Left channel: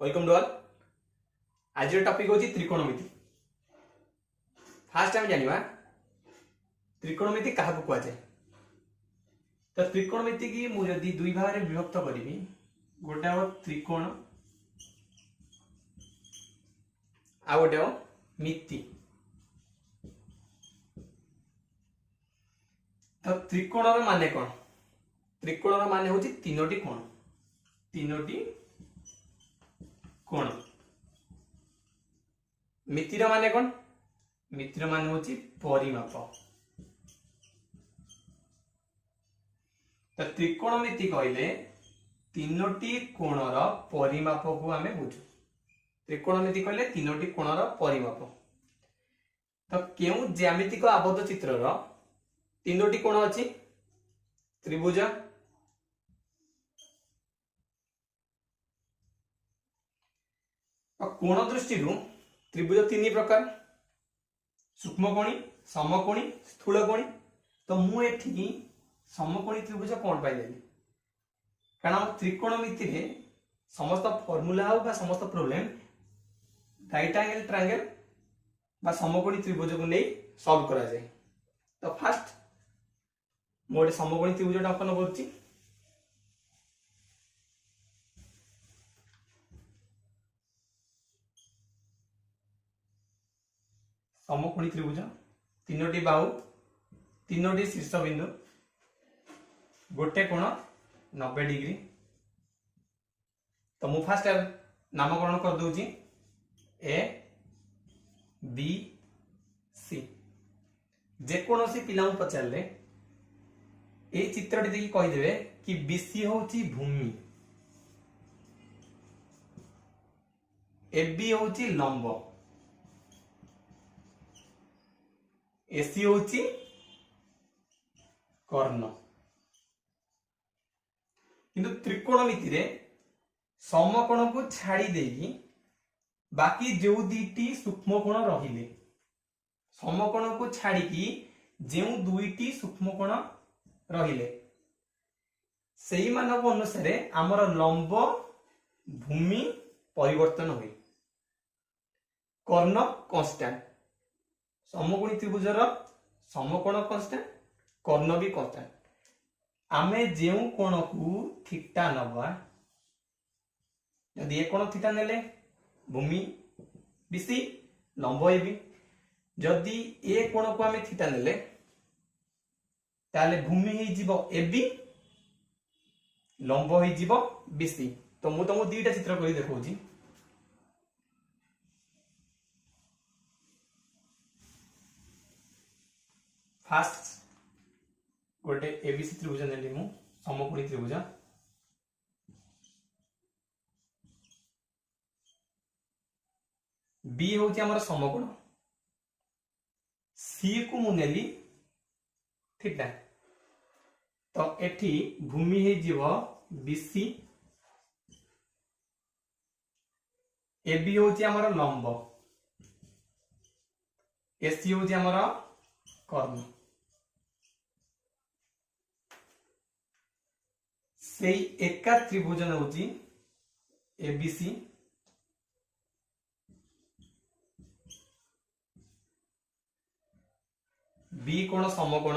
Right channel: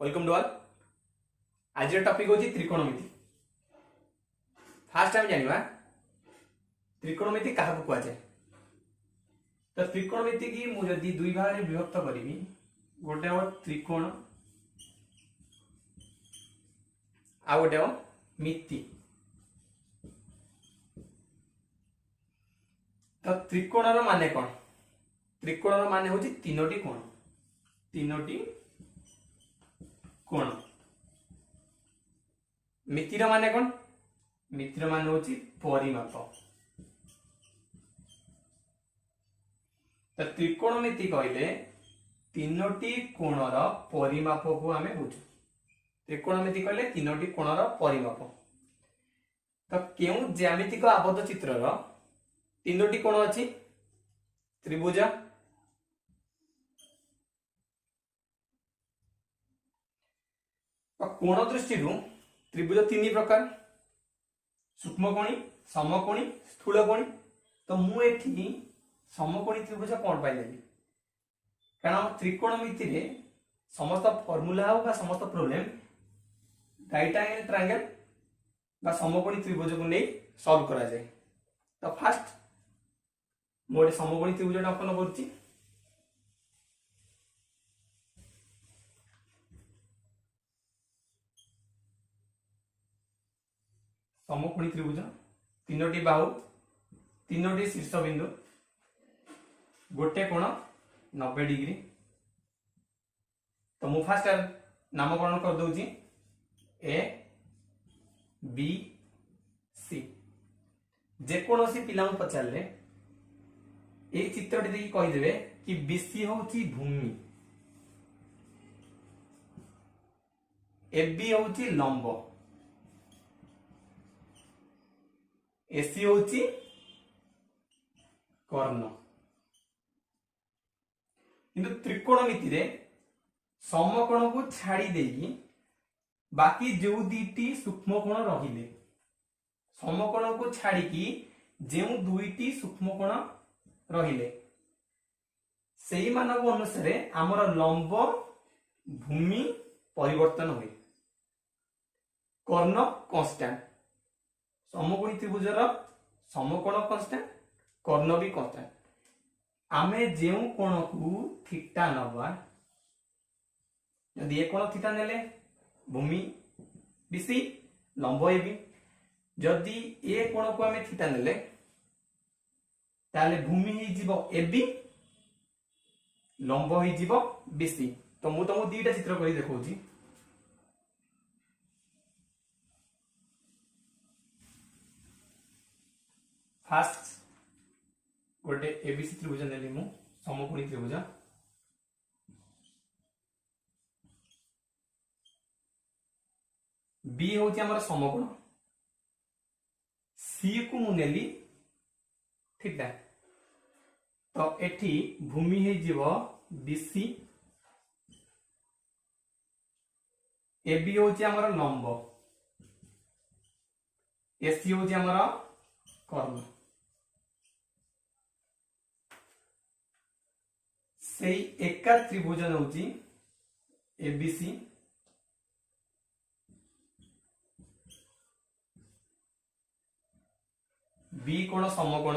Welcome to all. आज topic होची त्रिकोणमिति। फास्ट हम जानिबा त्रिकोणमिति काहाकू कुआ जाय। तो त्रिकोणमिति की मु जदी दुई भाग रे विभक्त करिवि, गोटे हो त्रिकोण आ गोटे हो मिति। तो त्रिकोण रो माने कोन? त्रिकोण रो माने होची तीनोटी कोण। तीनोटी कोण। मितिर माने कोन? मितिर माने होची परिमाप। तो त्रिकोणमिति कहले तीनोटी कोणर परिमाप को आमे बुझू। त्रिकोणमिति कहले तीनोटी कोणर परिमाप। तो केउ ज्यामितिक आबद्ध चित्रर तीनोटी कोण अछि? त्रिभुज, कोण दृष्टि त्रिभुज तीन प्रकार, सूक्ष्मकोणी, समकोणी, स्थूलकोणी। तो मु एठी समकोणी त्रिभुज कोन पाइ लेली, कारण त्रिकोणमिति रे समस्त फार्मूला हो बा समस्त प्रॉब्लम राइट एंगल ट्रायंगल बा समकोणी त्रिभुज को नै सॉल्व करा जाय। तो फर्स्ट मोडे समकोणी त्रिभुज अंकन करछि। समकोणी त्रिभुज तीनोटी बाहु, तीनोटी शीर्ष बिंदु, गोटे कोण 90 डिग्री। तो मु फास्ट नामकरण कर दूची ए बी सी। जेकोसी पिला पचारे ये चित्रटी देखिए कहीदेवे कि बीसी होची भूमि, एबी होची लंब, एसी होची कर्ण। किंतु त्रिकोणमिति रे समकोण को छाड़ी देगी बाकी जो दुईटी सूक्ष्मकोण रहिले, समकोण को छाड़ी की जो दुईटी सूक्ष्मकोण रहिले सेही मानव अनुसार आमर लंब भूमि परिवर्तन हुए। कर्ण कांस्टेंट, समकोणी त्रिभुजर समकोण कांस्टेंट, कर्ण भी कांस्टेंट। आमे जेउ कोण को थीटा नबा, यदि ए कोण थीटा नेले भूमि बीसी, लंब एबी। जदि ए कोण को आमे थीटा नेले ताले भूमि ही जीवो एबी, लंब ही जीवो बीसी। तो मु तुमको दीटा चित्र करी देखौची। फास्ट गोटे एबीसी त्रिभुज नेली मु, समकोणी त्रिभुज। बी होची हमर समकोण, सी को मु नेली थीटा। तो एठी भूमि हे जीवो बीसी, एबी होची हमर लंब, एसी होची हमर कर्ण। सेई एका त्रिभुज होची एबीसी, बी कोण समकोण,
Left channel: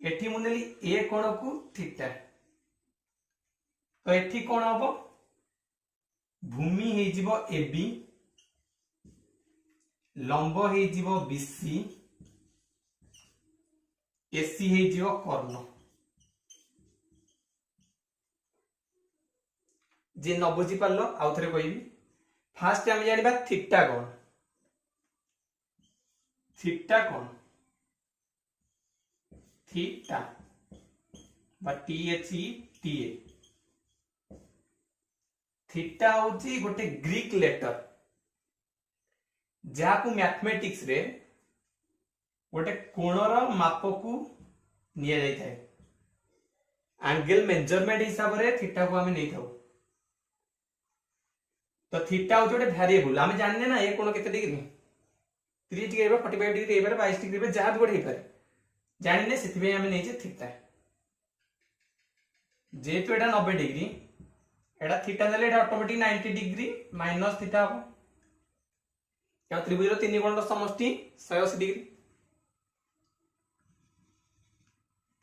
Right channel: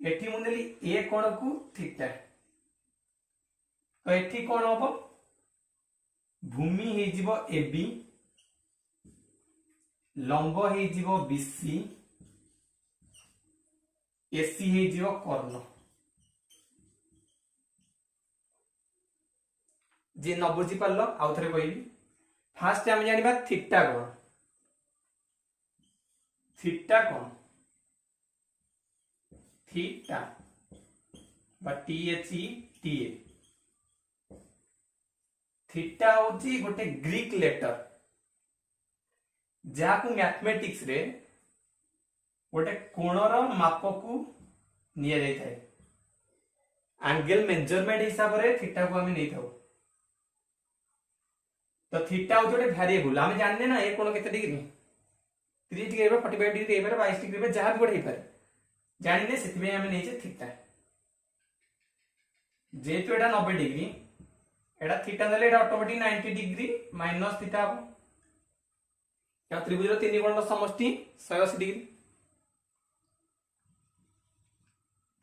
एठी मु नेली ए कोण को थीटा। तो एठी कोण हबो? भूमि हे जीवो एबी, लंब हे जीवो बीसी, एसी हे जीवो कर्ण। जे न बुझी पारलो आउ थरे कहबी। फास्ट हम जानिबा थीटा कोण। थीटा कोण, थीटा बा टीएचई टीए। थीटा होची गोटे ग्रीक लेटर जाकू मैथमेटिक्स रे गोटे कोणर माप को निया जाय थाए। एंगल मेजरमेंट हिसाब रे थीटा को हमें नहीं थाउ। तो थीटा होची गोटे वेरिएबल। हम जानने ना ये कोण केते डिग्री, 30 डिग्री 45 डिग्री 22 डिग्री जहाँ भी गोटे पारे जानिने से आम नहीं थीटा। जेहेतु एटा 90 डिग्री एटा थीटा नेले एटा ऑटोमेटिक 90 डिग्री माइनस थीटा हो क्या त्रिभुज तीन कोण समष्टि 180 डिग्री।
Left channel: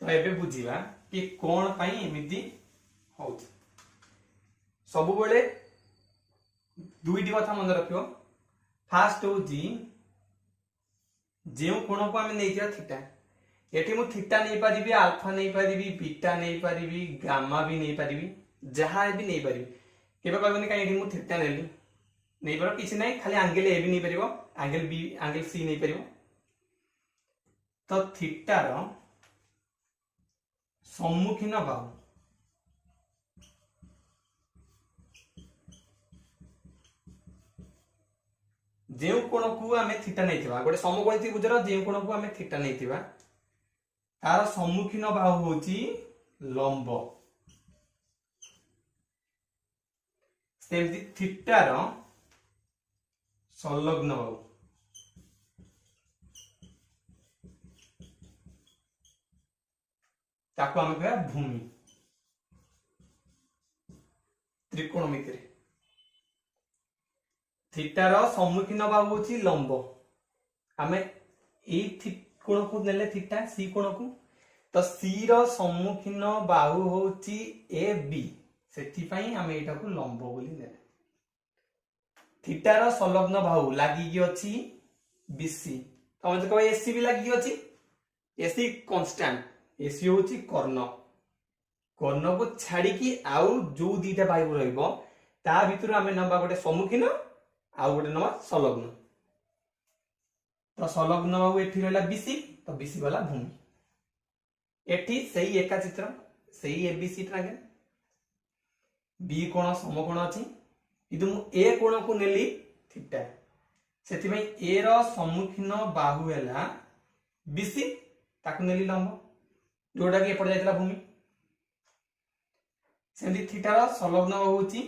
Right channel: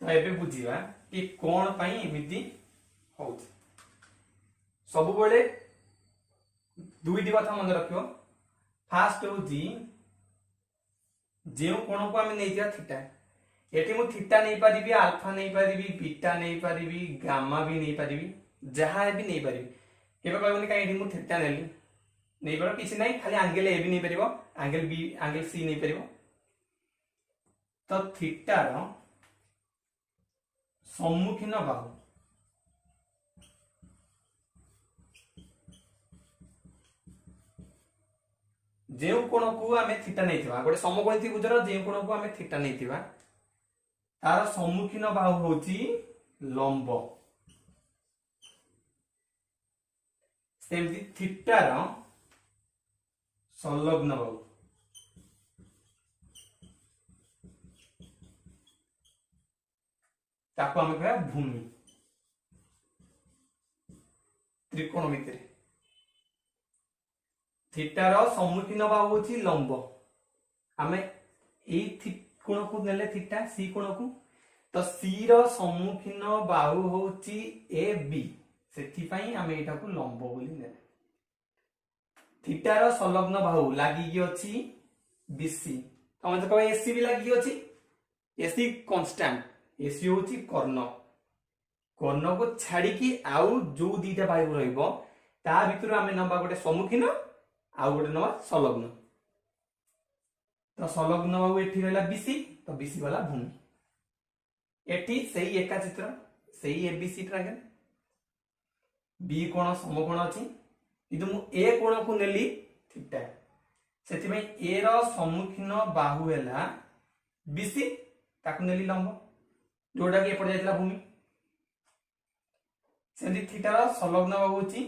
तो एबे बुझिबा कि कोण पई एमिति होउछ। सब बेले दुईटी कथा मन रखियो। फास्ट होउची जे कोण को आमे नेइया थीटा एठी मु थीटा नहीं पारिबी अल्फा नहीं पारिबी बीटा नहीं पारिबी गामा भी नहीं पारिबी जहां भी नहीं पारिबी केबे कहबनी काई एठी मु थीटा नेली नहीं पारो किसी नहीं खाली एंगल ए भी नहीं पारिबो एंगल बी एंगल सी नहीं पारिबो। तो थीटा रो सम्मुखीन बाहु जे कोण को आमे थीटा नहीं थिबा गोटे समकोणी त्रिभुजर जे कोण को आमे थीटा नहीं थिबा तार सम्मुखीन बाहु होची लंब। सेमती थीटा रो संलग्न बाहु ताको आमे कहया भूमि त्रिकोणमिति रे थीटा रो सम्मुखीन बाहु होची लंब। आमे एई कोण को नेले थीटा सी कोण को तो सी रो सम्मुखीन बाहु होची ए बी सेथि पई आमे एटा को लंब बोली नेले। थीटा रो संलग्न बाहु लागि कि अछि बीसी तो हम कहबे एसी भी लागि कि अछि एसी कांस्टेंट एसी होची कर्ण कर्ण को छाडी कि आउ जो दीटा बाहु रहइबो ता भितर आमे नबा गोटे सम्मुखीन आउ गोटे नबा संलग्न। तो संलग्न बाहु एठी रहला बीसी तो बीसी वाला भूमि एठी सही एका चित्र सही एबीसी ट्रायंगल बी कोण समकोण अछि किंतु मु ए कोण को नेली थीटा सेति में ए रो सम्मुखीन बाहु हैला बीसी ताकु नेली लंब जोटा कि एपड़ जायतला भूमि सेंदी थीटा रो संलग्न बाहु होची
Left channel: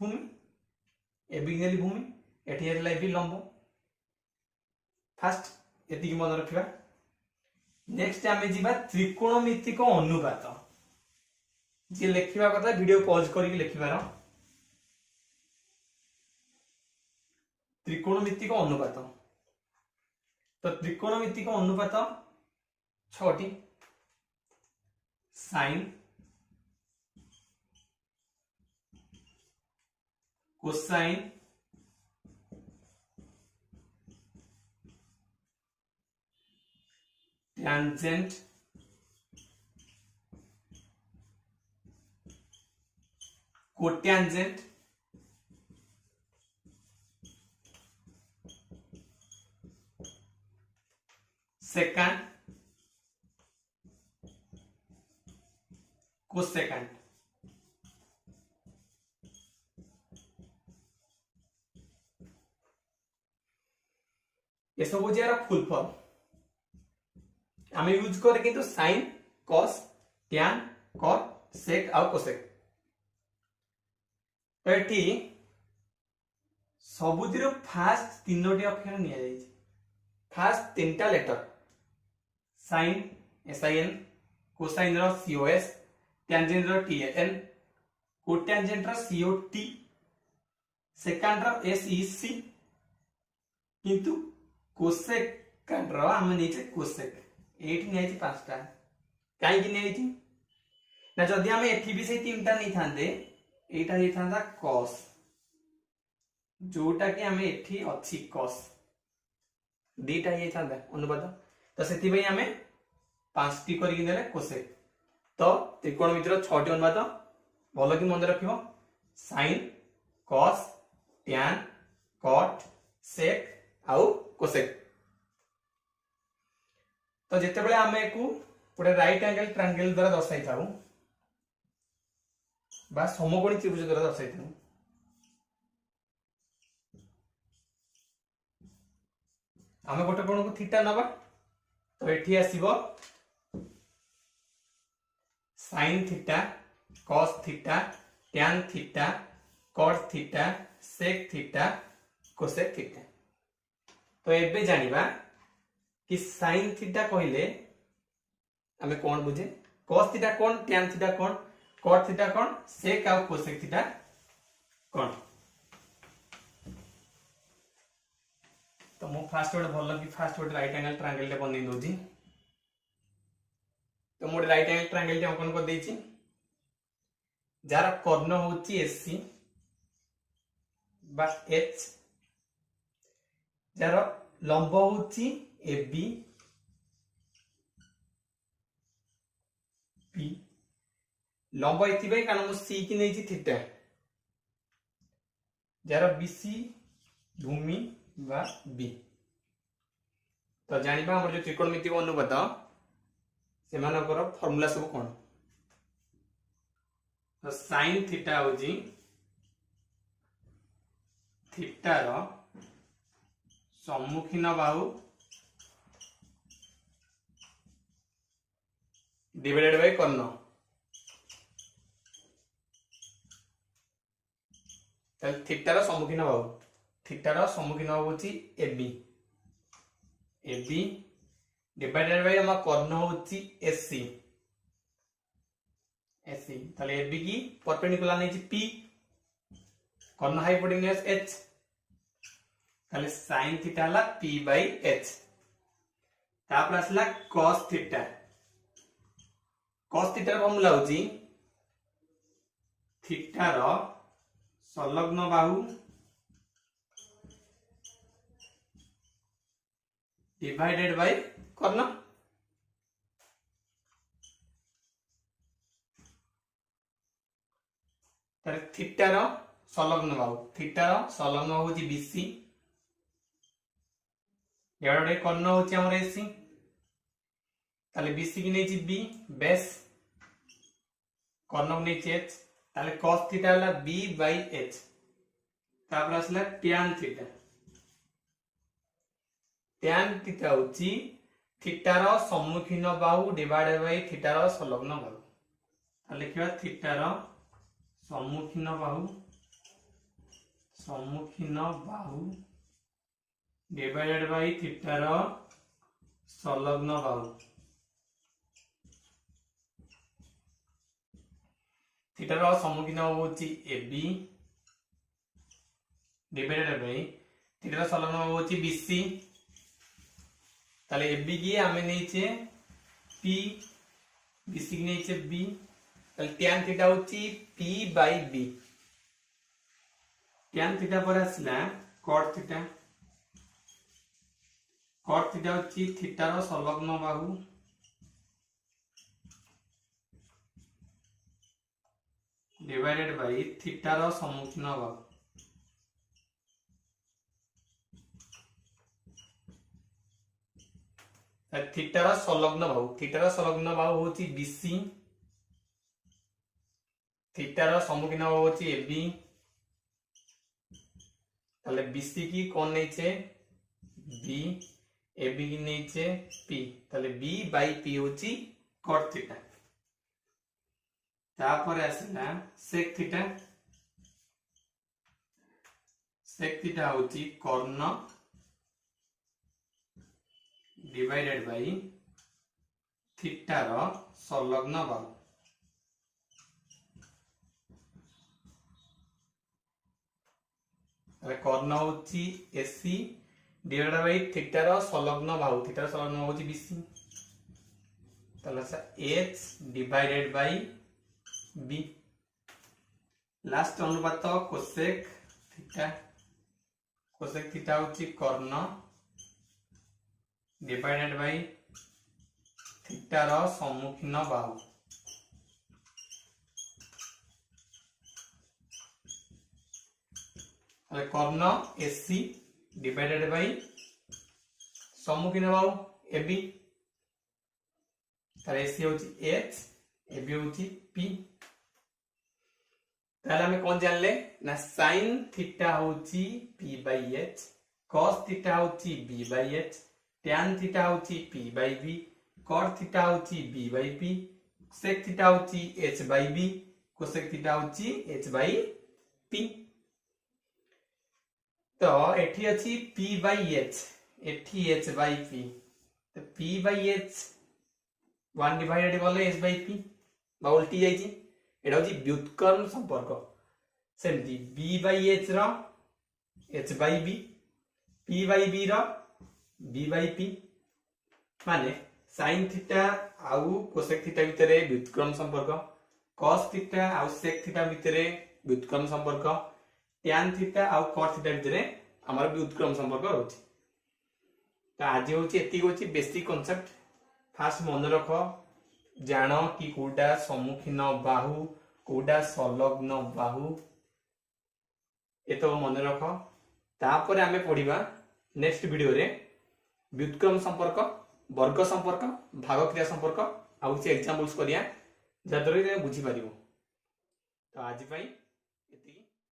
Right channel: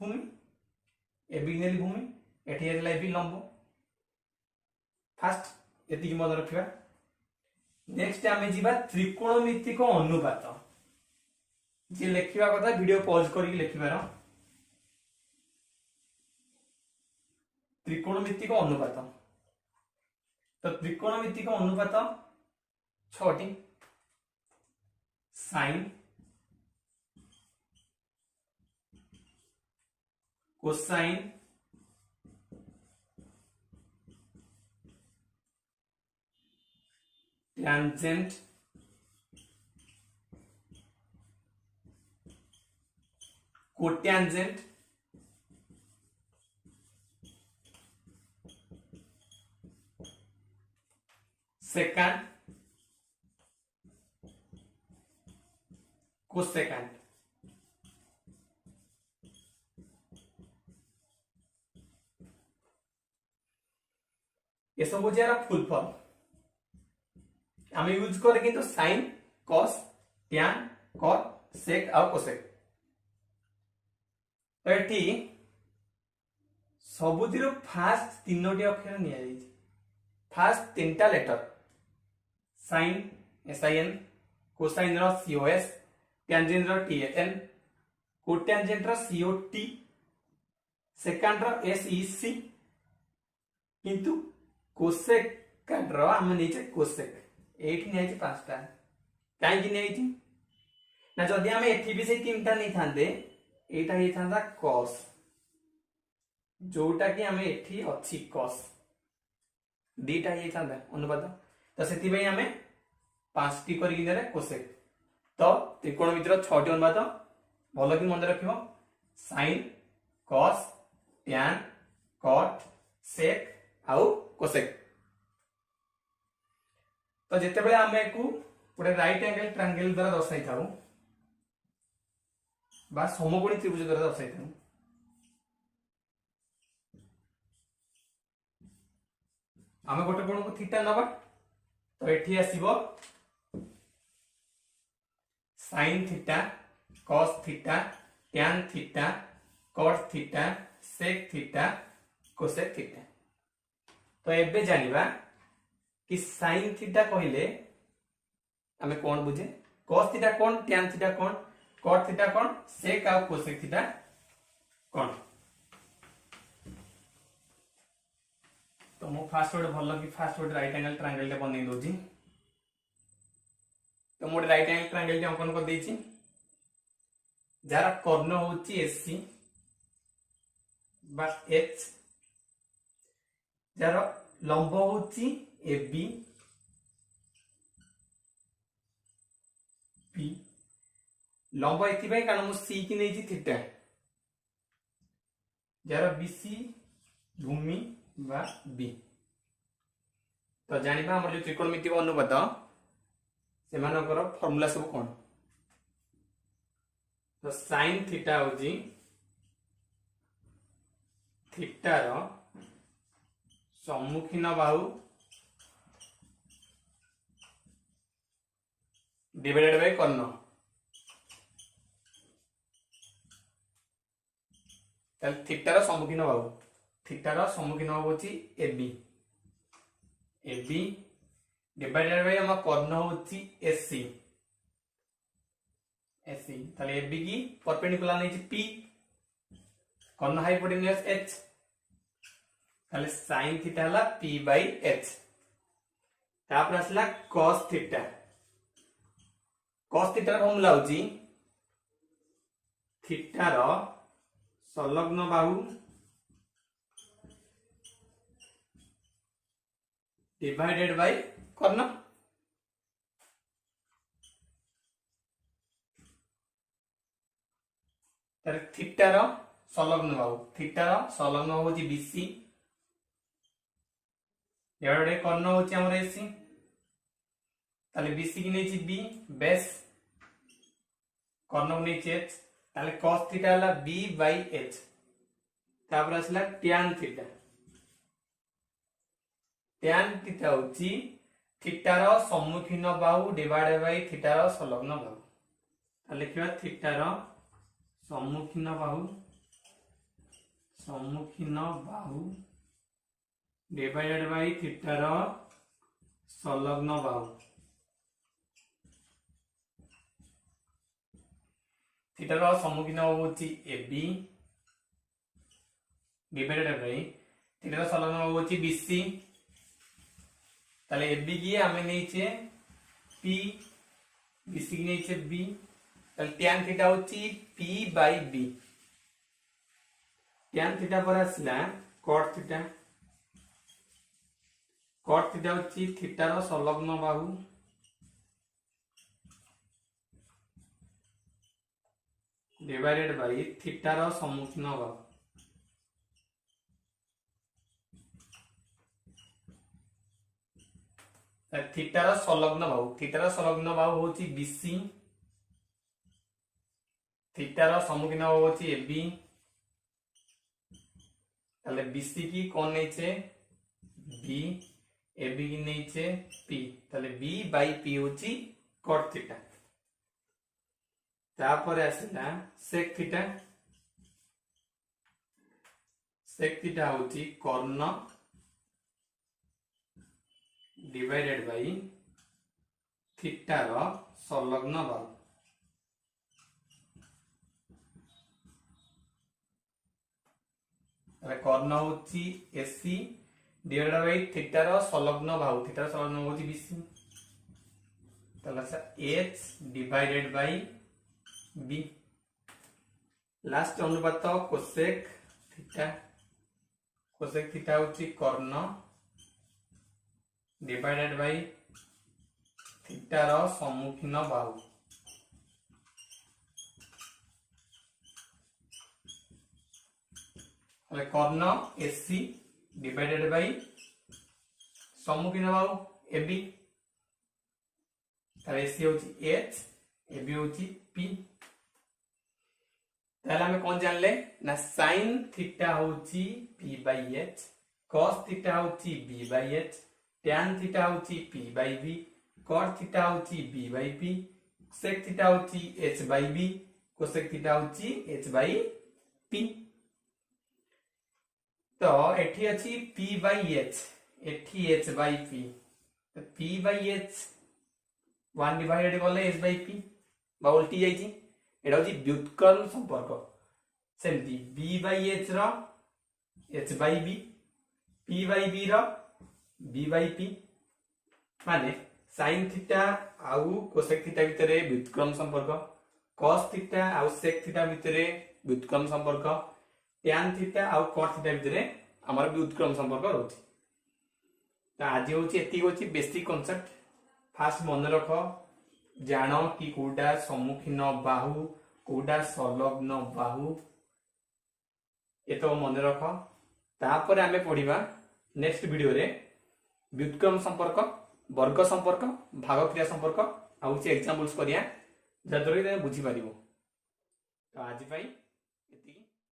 भूमि ए बी नेली भूमि एठी हैला ए बी लंब। फास्ट एति मन रखिबा। नेक्स्ट आमे जीवा त्रिकोणमितिक अनुपात जे लेखिबा कथा वीडियो पॉज करिक लेखिबार त्रिकोणमितिक अनुपात। तो त्रिकोणमितिक अनुपात 6टी sine cosine tangent cotangent secant cosecant ये सब हो जाएगा फुल फॉर्म आमे यूज करे किंतु sine cos tan cot sec और कोसेक एटी सबुदिरो फास्ट तीनोटी अक्षर निया जाई फास्ट तीनटा लेटर साइन एसआईएन कोसाइन रो सीओएस टैंजेंट रो टीएन कोटैंजेंट रो सीओटी सेकंड रो एसईसी किंतु कोसेक रो हम नीचे कोसेक एठी नै पांचटा काई कि नै थी ना जदी हम एठी भी से तीनटा नै थांदे एटा हे थांदा cos जोटा कि हम एठी अछि cos दीटा हे थांदा अनुपात तो सेति भाई हमें पांचटी करि कि नेले cosec तो त्रिकोणमितिर 6टी अनुपात भलो कि मन रखियो sin cos tan cot sec आउ cosec। तो जिते बळे आमे को पुरे राइट एंगल ट्रायंगल द्वारा दर्शाई थाउ बा समकोणी त्रिभुज द्वारा दर्शाई थाउ आमे गोटे कोण को थीटा नबा तो एठी आसीबो sin theta cos theta tan theta cot theta sec theta cosec theta. तो एबे जानिबा कि sin थीटा कहले हमें कौन बुझे cos थीटा कौन tan थीटा कौन कॉट थीटा कौन सेक आ कोसेक थीटा कौन। तो मु फास्ट गोटे भल कि फास्ट गोटे राइट एंगल ट्रायंगल टे बनै दोजी। तो मोटे राइट एंगल ट्रायंगल टे अंकन कर देछि जार कर्ण होची एसी बा एच, जार लंब होची एबी पी। लंब एति भाई कारण मु सी की नै छी थीटा, जार बीसी भूमि बा बी। तो जानिबा हमर जो त्रिकोणमितिक अनुपात से मानकर फार्मूला सब कोन। तो sin थीटा होजी थीटा रो सम्मुखीन बाहु डिवाइडेड बाय कर्ण। तल थीटा रो सम्मुखीन बाहु, थीटा रो सम्मुखीन बाहु होची एबी, एबी डिवाइडेड बाय हम कर्ण होची एसी, एसी ताले एबी की परपेंडिकुलर नै पी, कर्ण हाइपोटेन्यूज एच, ताले sin थीटा हला p बाय h। तापर आसला cos theta, cos theta formula होची थीटा रो संलग्न बाहु डिवाइडेड बाय कर्ण। तारे थीटा रो संलग्न बाहु, थीटा रो संलग्न बाहु होची बीसी डिवाइडेड बाय कर्ण होची हमर एसी। ताले बीसी की नै छी बी बेस, कर्ण नै छी एच, ताले cos थीटा हला b बाय h। तापर आसला tan थीटा, tan थीटा होची थीटा रो सम्मुखीन बाहु डिवाइडेड बाय थीटा रो संलग्न बाहु। ताले लिखिबा थीटा रो सम्मुखीन बाहु, सम्मुखीन बाहु डिवाइडेड बाय थीटा रो संलग्न बाहु। थीटा रो सम्मुखीन होची एबी डिवाइडेड बाय थीटा रो संलग्न बाहु होची बीसी। ताले एबी की हमें नै छे p, बीसी की नै छे b, ताले tan थीटा होची p by b। tan theta पर आसला cot थीटा, cot थीटा होची थीटा रो संलग्न बाहु डिवाइडेड बाय थीटा रो सम्मुखीन बाहु। थीटा रो संलग्न बाहु, थीटा रो संलग्न बाहु होची बीसी, थीटा रो सम्मुखीन बाहु होची एबी, ताले बीसी की कोन नै छे बी, एबी की नै छे पी, ताले बी बाय पी होची cot थीटा। तापर आसला sec थीटा, sec थीटा होची कर्ण डिवाइडेड बाय थीटा रो संलग्न बाहु। ताले कर्ण होची एसी डिवाइडेड बाय थीटा रो संलग्न बाहु, थीटा रो संलग्न बाहु होची बीसी। ताले h divided by b। Last अनुपात कोसेक थीटा, कोसेक थीटा होची कर्ण डिवाइडेड बाय थीटा रो सम्मुखीन बाहु। ताले कर्ण AC divided by सम्मुखीन Bahu AB, ताले एसी होची h, एबी होची p। ताले हमें कोन जानले ना sin थीटा होची p by h, cos theta होची b by h, tan theta होची p by b, cot theta होची b by p, sec theta होची h by b, cosec theta होची h बाय p। तो एठी अछि p बाय h, एठी h by p, तो p बाय h 1 डिवाइडेड गले h बाय p बा उल्टी जाई छी, एटा होची व्युत्क्रम संपर्क सेमती b बाय h रो h by b p by b रो b बाय p माने sin थीटा आउ कोसेक थीटा भितरे व्युत्क्रम संपर्क cos थीटा आउ sec थीटा भितरे व्युत्क्रम संपर्क tan थीटा आउ cot थीटा भितरे हमर व्युत्क्रम संपर्क रहउछि। त आज होछि एति होछि बेसिक कांसेप्ट फास्ट मन रख जानो कि कोडा सम्मुखीन बाहु कोडा संलग्न बाहु ए तो मन रख तापर आमे पढिबा नेक्स्ट वीडियो रे व्युत्क्रम संपर्क वर्ग संपर्क भाग क्रिया संपर्क आउ एग्जांपल्स करिया जदरे बुझी पारिबो। तो आज पई एति